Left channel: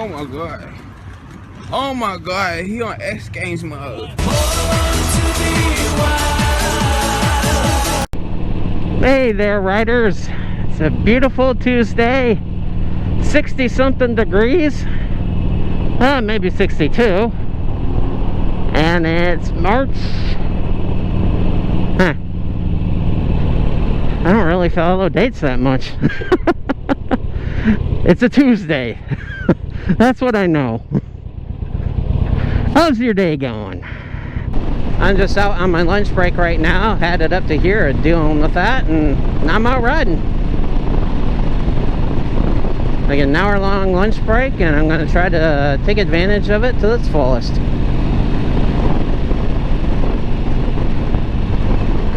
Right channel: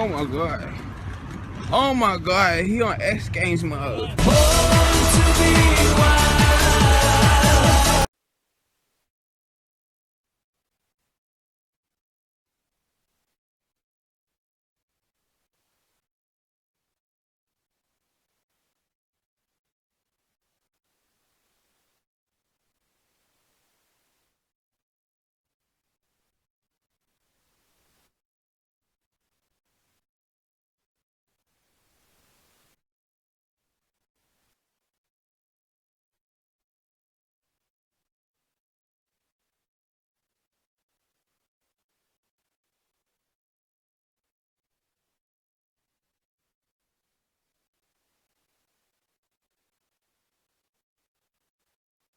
Oh my god. Oh my god, he on X Games mode. Hey there, riders. It's a beautiful Tuesday. 60 something degrees. Maybe 62. And it's March. I don't really follow dates that much. It's a Tuesday. That's what I know. How's your day going? I'm just out on my lunch break right now, headed up to here dealing with that, and I'm out riding. I get an hour-long lunch break, and I'm going to try to take advantage of it to its fullest.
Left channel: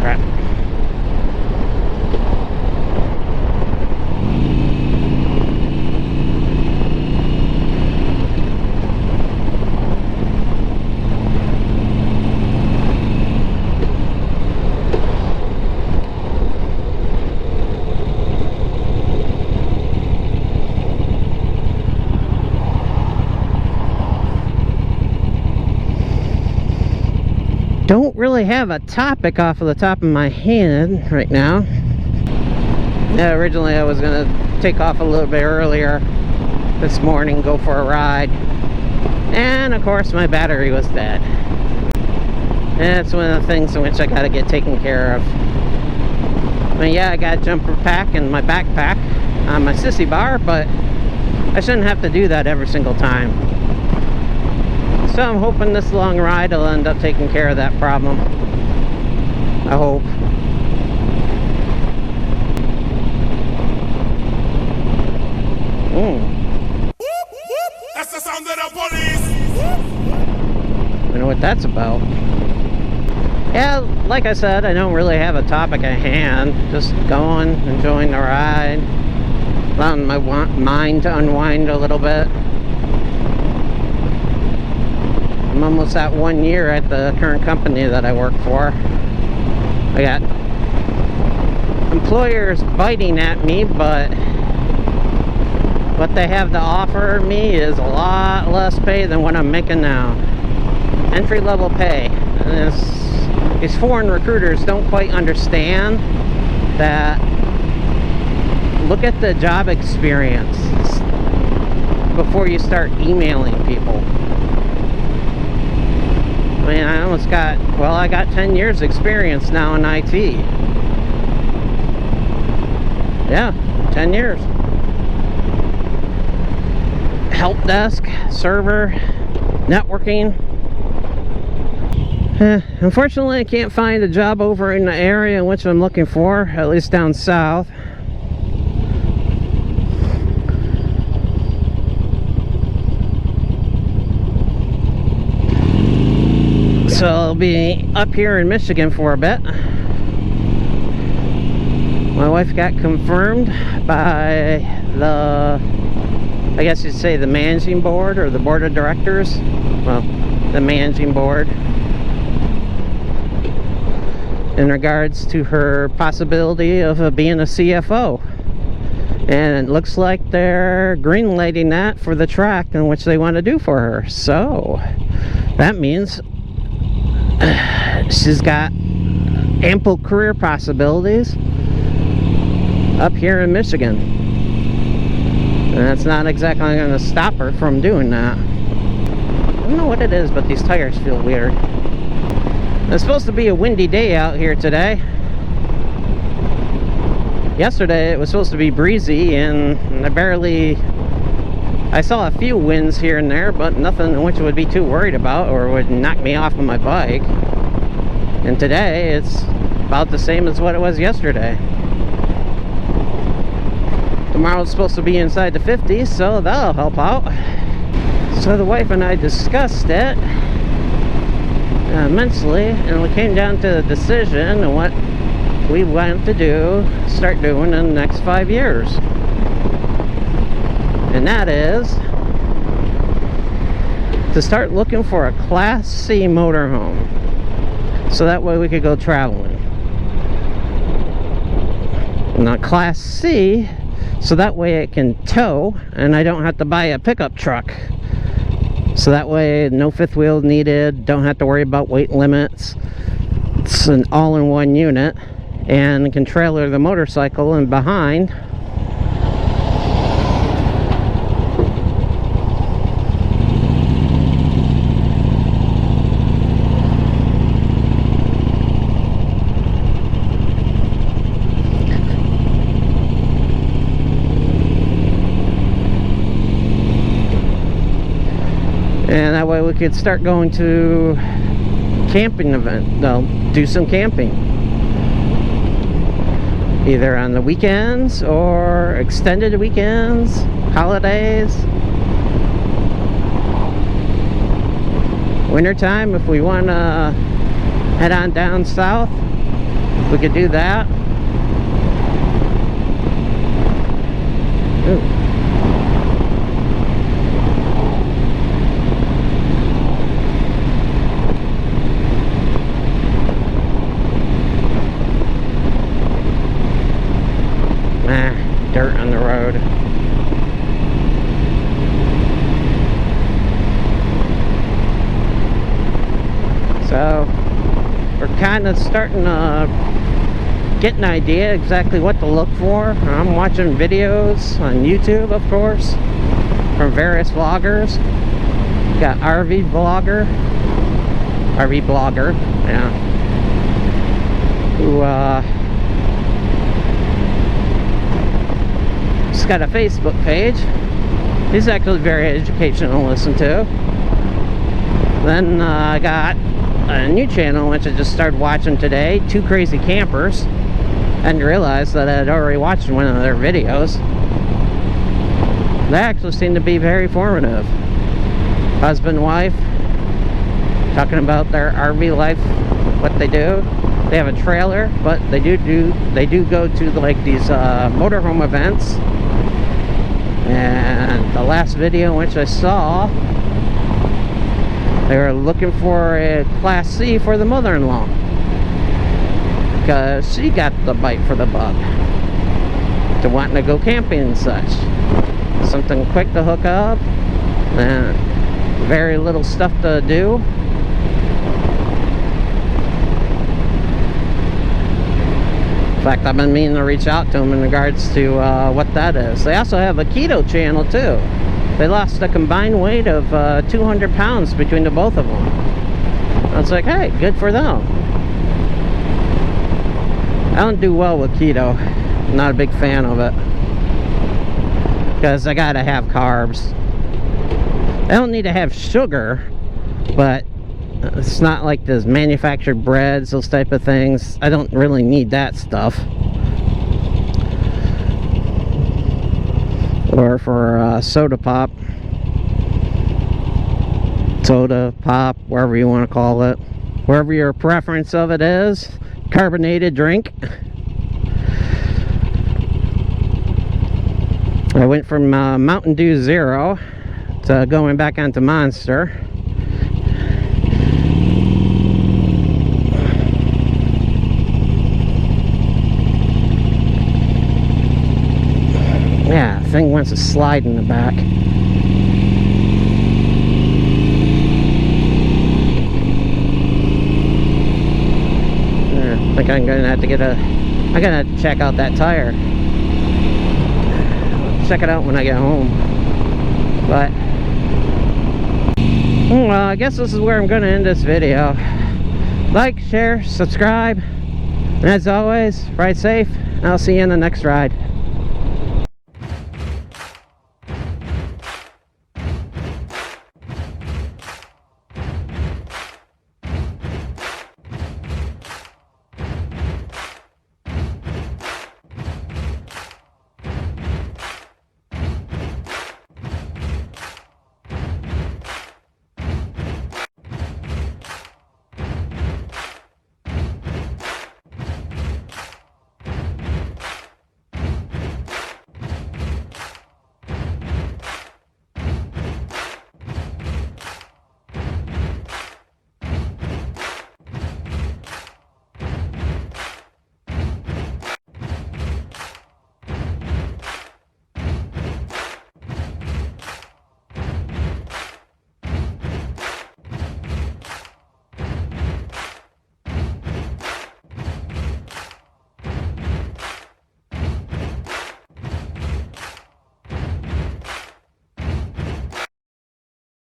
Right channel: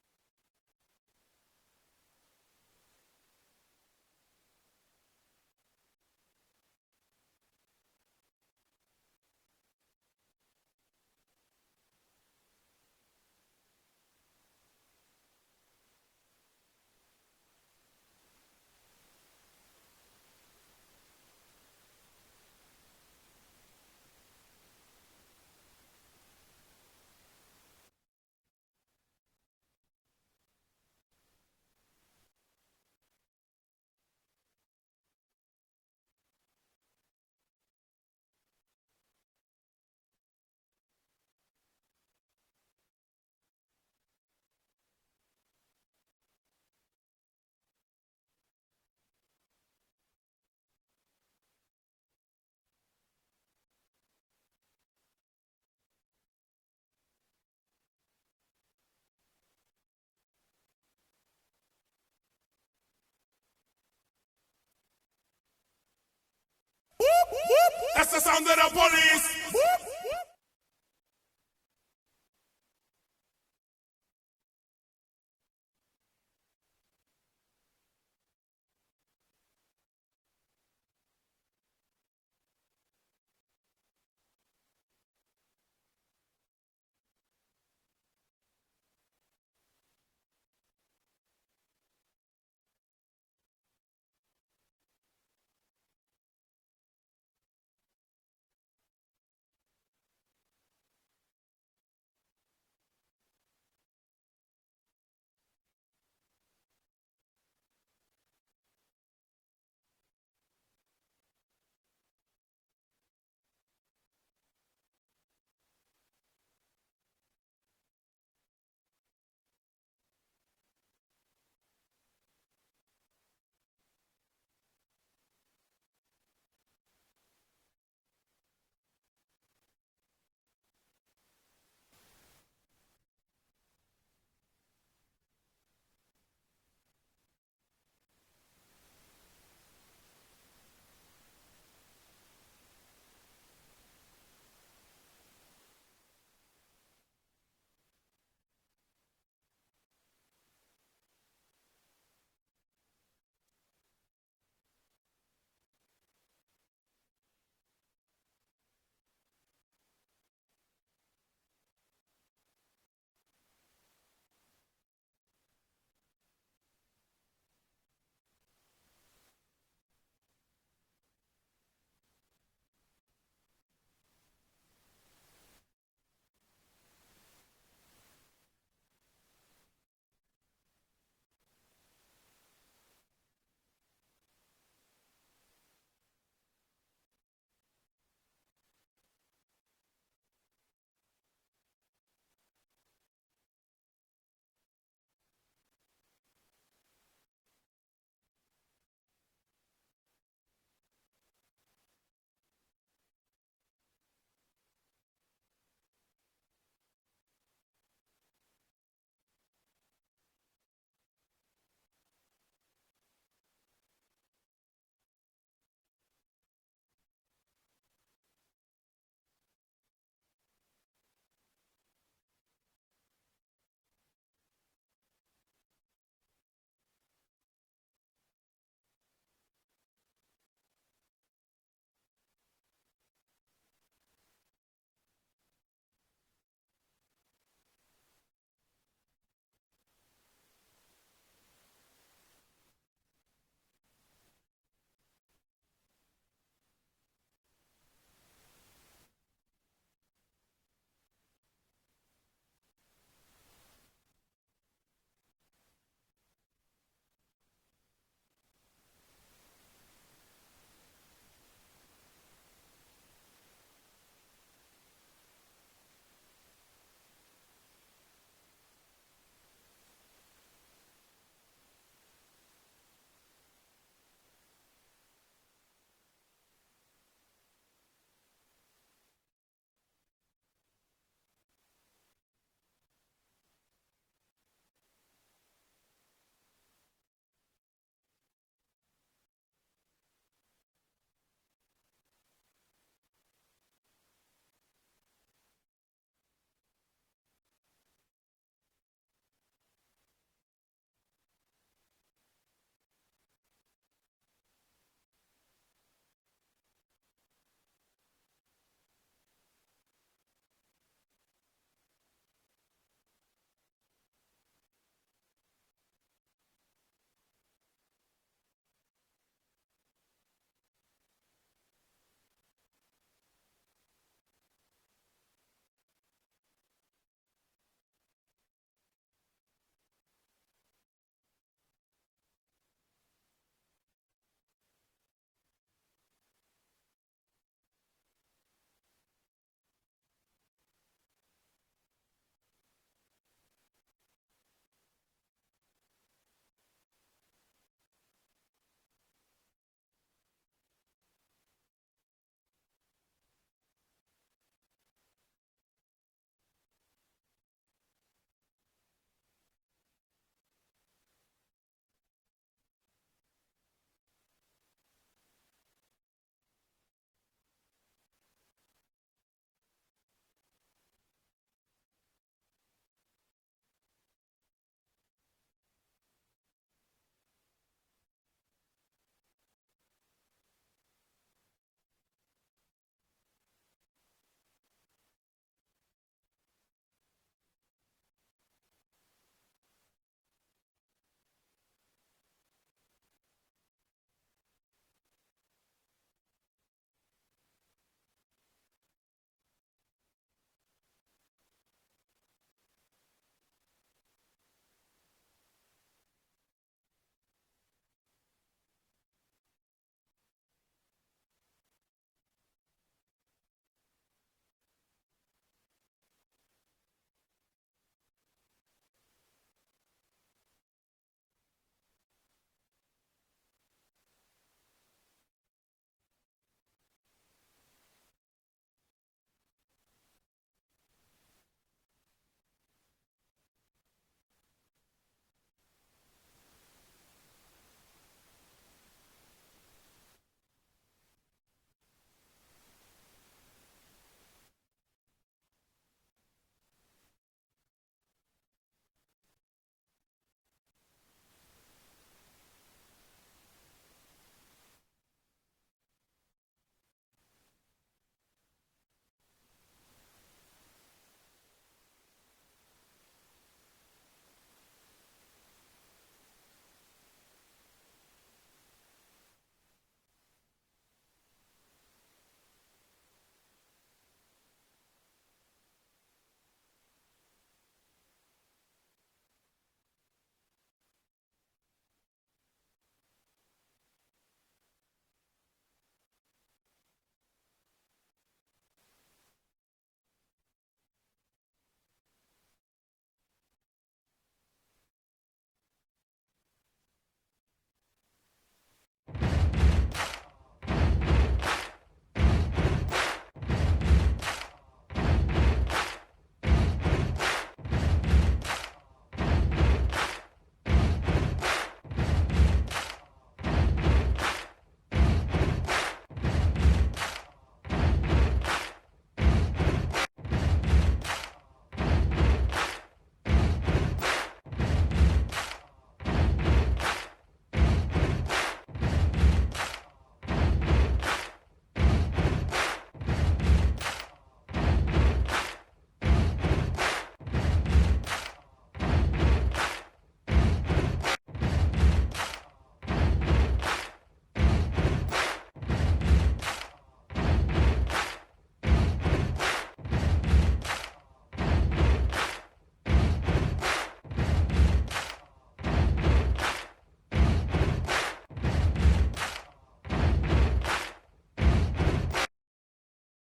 Crap. Don't really have a topic off of the top of my head right now. Yeah, originally I was gonna take off a little bit earlier this morning, go for a ride, and of course my battery was dead. And that's one of the things in which I gotta get taken care of. I mean, yeah, I got a jumper pack and my backpack on my sissy bar, but I shouldn't have to do that every single time. So I'm hoping this long ride will end up taking care of that problem. I hope. That's the sound of the police. I know what that's about. Yeah, like I said, I don't really have a topic at hand. Just going, enjoying the ride, allowing my mind to unwind a little bit. I'm almost at 1 year at the current company that I work for. I got employers biting at me, but what they have to offer me is a lot less pay than what I'm making now. Entry-level pay. And these foreign recruiters don't quite understand that. Look at the job experience before you start emailing people. I mean, I got 10 years experience now in IT. Yeah, 10 years. Help desk, server, networking. Unfortunately, I can't find a job over in the area in which I'm looking for, at least down south. So I'll be up here in Michigan for a bit. My wife got confirmed by the, I guess you'd say, the managing board or the board of directors. Well, the managing board, in regards to her possibility of being a CFO. And it looks like they're greenlighting that for the track in which they want to do for her. So that means she's got ample career possibilities up here in Michigan, and that's not exactly going to stop her from doing that. I don't know what it is, but these tires feel weird. It's supposed to be a windy day out here today. Yesterday it was supposed to be breezy, and I saw a few winds here and there, but nothing in which I would be too worried about or would knock me off of my bike. And today it's about the same as what it was yesterday. Tomorrow's supposed to be inside the 50s, so that'll help out. So the wife and I discussed it immensely, and we came down to the decision on what we want to start doing in the next 5 years. And that is to start looking for a Class C motorhome, so that way we could go traveling. Now, Class C so that way it can tow and I don't have to buy a pickup truck. So that way no fifth wheel needed, don't have to worry about weight limits. It's an all-in-one unit and can trailer the motorcycle in behind. And that way we could start going to camping event. They'll do some camping, either on the weekends or extended weekends, holidays, wintertime. If we want to head on down south, we could do that. Ooh. Dirt on the road. So we're kind of starting to get an idea exactly what to look for. I'm watching videos on YouTube, of course, from various vloggers. Got RV Blogger, yeah, who he's got a Facebook page. He's actually very educational to listen to. Then I got a new channel which I just started watching today, Two Crazy Campers. I didn't realize that I had already watched one of their videos. They actually seem to be very informative. Husband and wife talking about their RV life, what they do. They have a trailer, but they do go to like these motorhome events. And the last video which I saw, they were looking for a Class C for the mother-in-law because she got the bite for the bug to wanting to go camping and such. Something quick to hook up and very little stuff to do. In fact, I've been meaning to reach out to them in regards to what that is. They also have a keto channel too. They lost a combined weight of 200 pounds between the both of them. I was like, hey, good for them. I don't do well with keto. I'm not a big fan of it, because I gotta have carbs. I don't need to have sugar, but it's not like those manufactured breads, those type of things. I don't really need that stuff. Or for soda pop, wherever you want to call it, wherever your preference of it is, carbonated drink. I went from Mountain Dew Zero to going back onto Monster. Yeah, the thing wants to slide in the back. I think I'm gonna have to I'm gonna have to check out that tire. Check it out when I get home. But well, I guess this is where I'm gonna end this video. Like, share, subscribe, and as always, ride safe, and I'll see you in the next ride.